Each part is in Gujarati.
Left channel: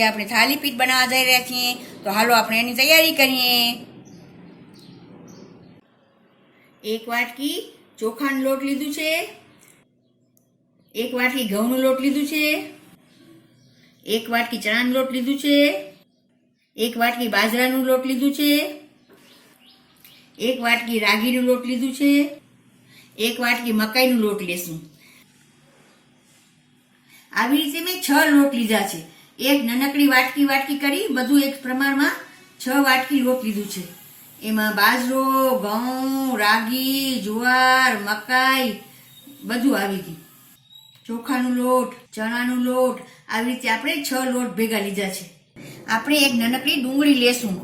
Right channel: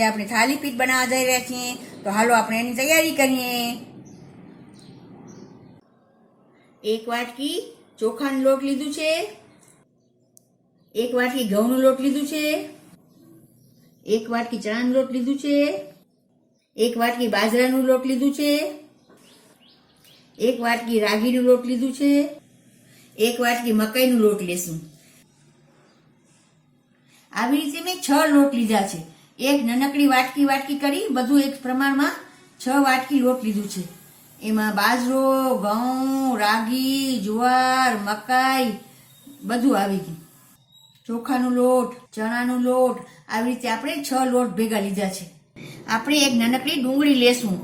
આજે આપણે થાલીપીઠ બનાવવા જઈ રહ્યા છીએ, તો હાલો આપણે એની તૈયારી કરીએ. 1 વાટકી ચોખાનો લોટ લીધું છે, 1 વાટકી ઘઉંનો લોટ લીધું છે, 1 વાટકી ચણાનો લોટ લીધું છે, 1 વાટકી બાજરાનો લોટ લીધું છે, 1 વાટકી રાગીનો લોટ લીધું છે, 1 વાટકી મકાઈનો લોટ લેશું. આવી રીતે મેં 6 લોટ લીધા છે. એક નાનકડી વાટકી કરી બધું એક પ્રમાણમાં 6 વાટકી લોટ લીધું છે. એમાં બાજરો, ઘઉં, રાગી, જુવાર, મકાઈ બધું આવી ગયું. ચોખાનો લોટ, ચણાનો લોટ, આવી રીતે આપણે 6 લોટ ભેગા લીધા છે. આપણે એક નાનકડી ડુંગળી લેશું,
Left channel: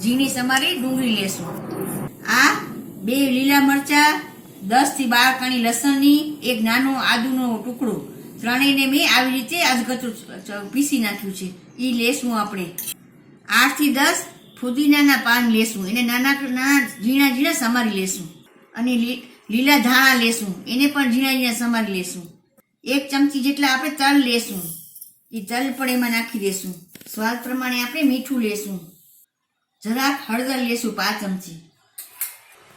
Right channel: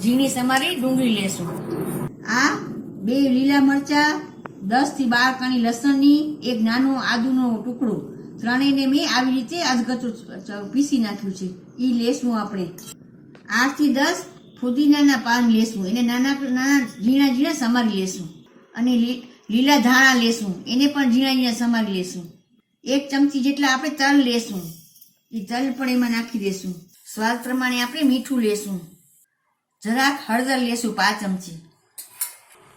ઝીણી સમારી ડુંગળી લેશું. આ 2 લીલા મરચા, 10 થી 12 કણી લસણની, એક નાનો આદુનો ટુકડો, ત્રણેયને મેં આવી રીતે અધકચરું પીસી નાખ્યું છે. એ લેશું આપણે. 8 થી 10 ફુદીનાના પાન લેશું, એને નાના ઝીણા સમારી લેશું. અને લીલા ધાણા લેશું, એને પણ ઝીણા સમારી લેશું. 1 ચમચી જેટલા આપણે તલ લેશું, એ તલ પણ એમાં નાખી દેશું. સ્વાદ પ્રમાણે આપણે મીઠું લેશું. જરાક હળદર લેશું 5 ચમચી.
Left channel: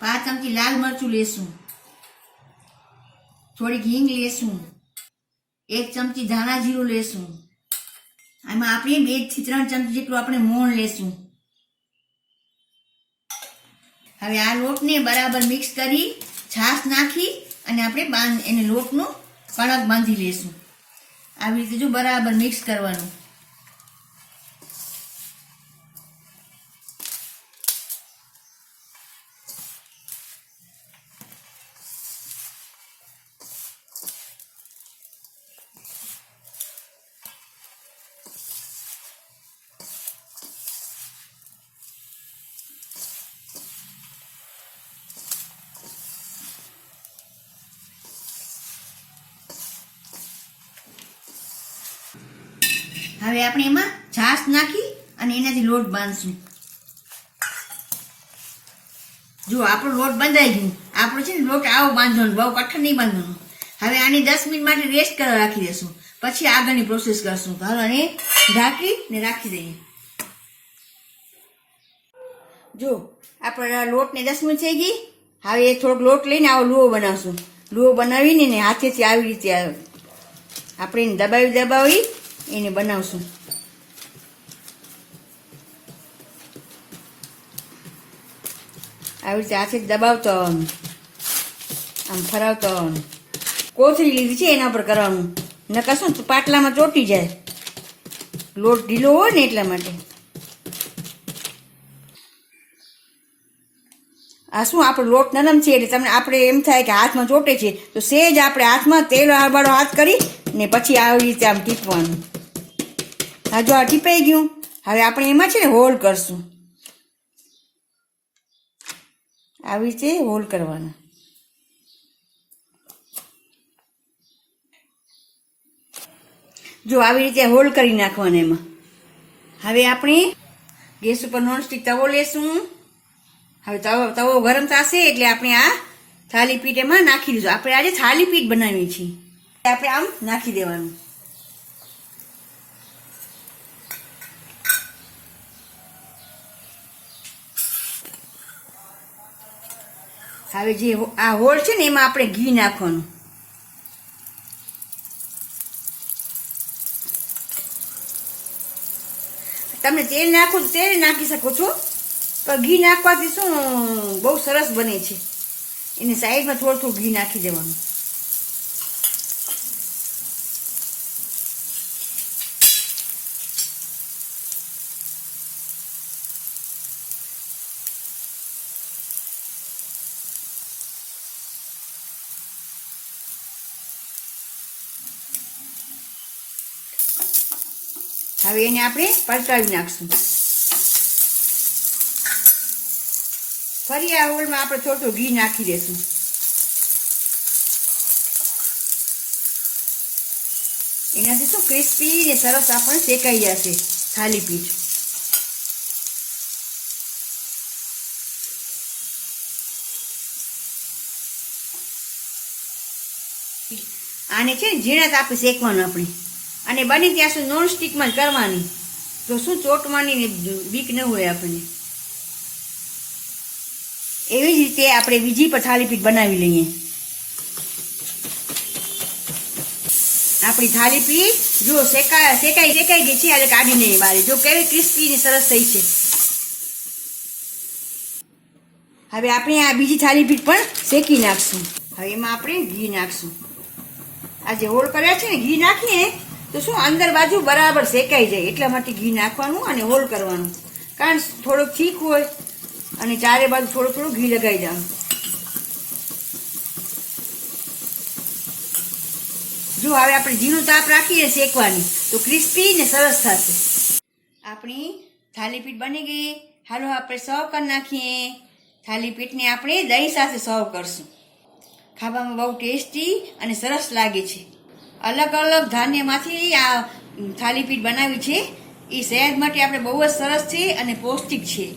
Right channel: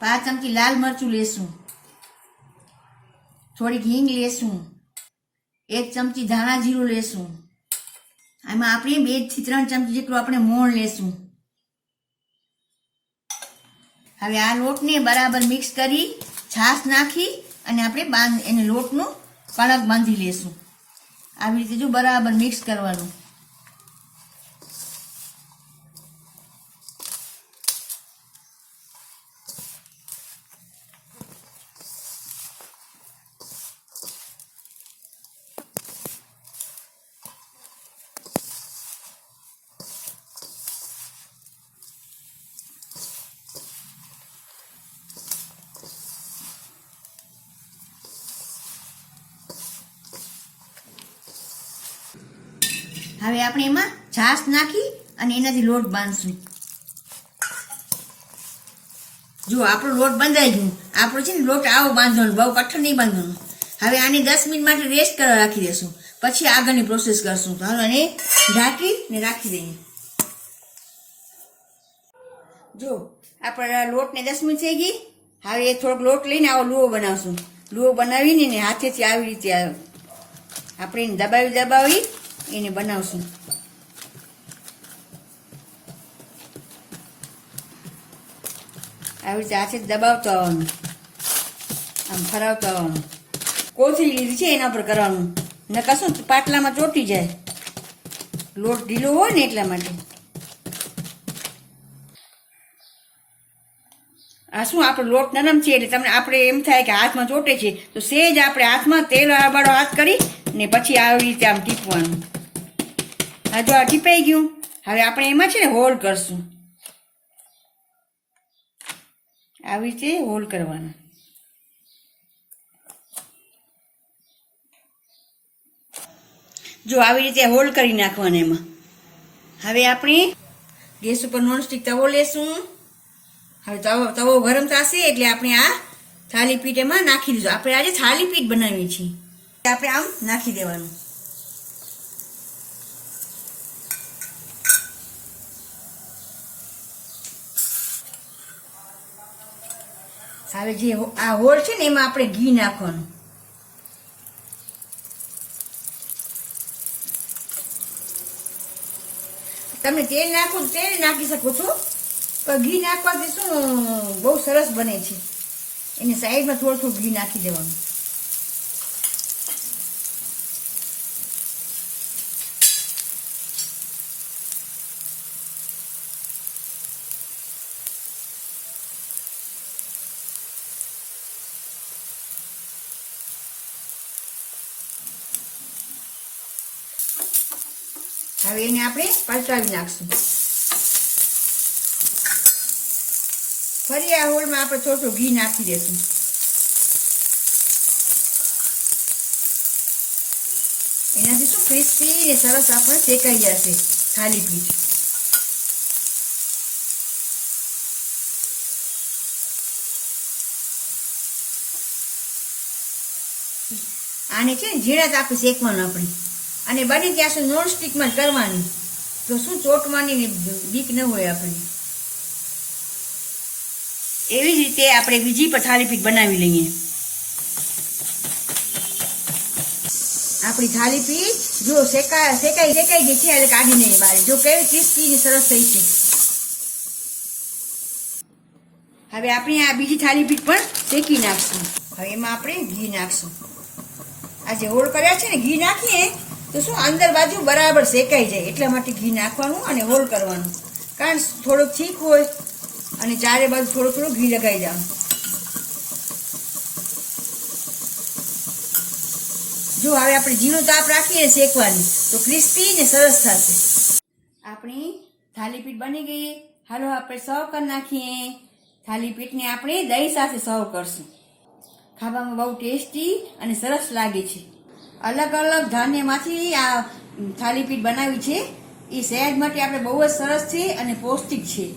5 ચમચી લાલ મરચું લેશું. થોડીક હિંગ લેશું. 1 ચમચી ધાણા જીરું લેશું. આમાં આપણે 2 થી 3 ચમચી જેટલું આપણે મોણ લેશું. હવે આ લોટને બરાબર મિક્સ કરી છાશ નાખી અને આપણે એને લોટનો કણક બાંધી લેશું. આવી રીતે જો બરાબર મિક્સ કરવાનું. હવે આપણે એમાં છાશ નાખી અને એનાથી લોટ બાંધશું. જો આપણો લોટ બંધાઈ ગયો. આપણો છે ને લોટ આવો બાંધવાનો, બહુ કઠણ નહીં બાંધવાનો. હવે આને 10 મિનિટ માટે રેસ્ટ કરવા રાખી દઈશું, પછી આગળની પ્રોસેસ કરશું. તો હાલો આને ઢાંકીને રાખી દઈએ. જો આપણા લોટને 10 મિનિટ થઈ ગઈ. હવે થોડોક લોટ લઈને આવો લુઓ બનાવશું. લુઓ બનાવીને ને હાથેથી આવી રીતે આપણે એને દબાવી એને બનાવશું. આવી રીતે હાથે દબાવતો આવવાનું, આમ ફરાવતો આવવાનું. કોથળી લીધી છે એના પર કરવાનું, ને કશું પાટલામાં ચોટી જાય, લોટ ઢીલો હોય ને એટલા માટે. આ શું આપણો લોટ નરમ છે એટલે તમને આપણે એમ થાય કે હાથમાં ચોટે છે, તો સેજ આપણે હાથમાં તેલ આબાળો હાથ કરી ને પછી આવી રીતે આમ ટીપવાનું. હા જો આ ટીપાઈ ગયું. હવે આપણે એમાં છે ને હોલ કરશું. આવી રીતે હોલ કરવાનું. જો આવી રીતે હોલ કરી નાખવાના એમાં. હવે આપણે ગેસ ઉપર નોનસ્ટિક તવો લેશું. હવે તવો ગરમ થશે એટલે આપણે આ થાલીપીઠ એમાં નાખી દીધું. આપણે આજે થાલીપીઠ બનાવીએ છીએ. આપણે આમ નાખી દેવાનું. હવે જે આ હોળ છે ને એમાં આપણે ઘી નાખવાનું. તમે તેલ નાખો તો તેલ નાખી શકો છો, પણ ઘી નાખવાથી શું બહુ સરસ બને છે. એની સાઈડમાં થોડું ઘી નાખી દેવાનું. હવે એને આપણે પલટાવી નાખશું. ફરી આ હોલમાં આપણે થોડું ઘી નાખી દેશું. એનાથી શું ક્રિસ્પી ને સરસ આપણે શેકાઈ જશે થાલીપીઠ. આને છે ને ઝીણા તાપે શેકવાનું આપણે, અને બની ત્યાં સુધી નોન સ્ટિકમાં જ કરવાની. તો શું ચોટવાની બીક ન હોય આપણને. એવી જ રીતે આપણે બીજી પણ થાલીપીઠ બનાવી લઈએ. આપણી થાલીપીઠ જો શેકાઈ ગઈ છે એટલે કાઢી લઈએ બહાર. જો કેવી ક્રિસ્પી ને સરસ થઈ છે. હવે આપણે આ બીજી થાલીપીઠ પણ શેકી નાખશું. હવે એમાં આપણે ઘી નાખશું. આ જે હોળ કર્યા છે ને, ઘી નાખીએ તો શું અંદર બાજુ બરાબર શેકાઈ જાય, એટલા માટે ઘી નાખવાનું અને હોળ કરવાનું. કારણ થોડુંક થીક હોય અને ચારે બાજુ થોડું થોડું ઘી લગાવી જવાનું. જો હવે આપણે જીરું તાપ રાખીએ શેકવાની તો ક્રિસ્પી ને સરસ થશે. આપણી થાલીપીઠ બની ગઈ. હાલો આપણે સર્વ કરી નાખીએ. થાલીપીઠને આપણે દહીં સાથે સર્વ કરશું. ખાવામાં બહુ ટેસ્ટી અને સરસ લાગે છે. અલગ અલગ ધાન્યમાંથી આ થાલીપીઠ બનાવી છે. એ સેહત માટે આપણે બહુ જ સરસ છે અને પૌષ્ટિક છે.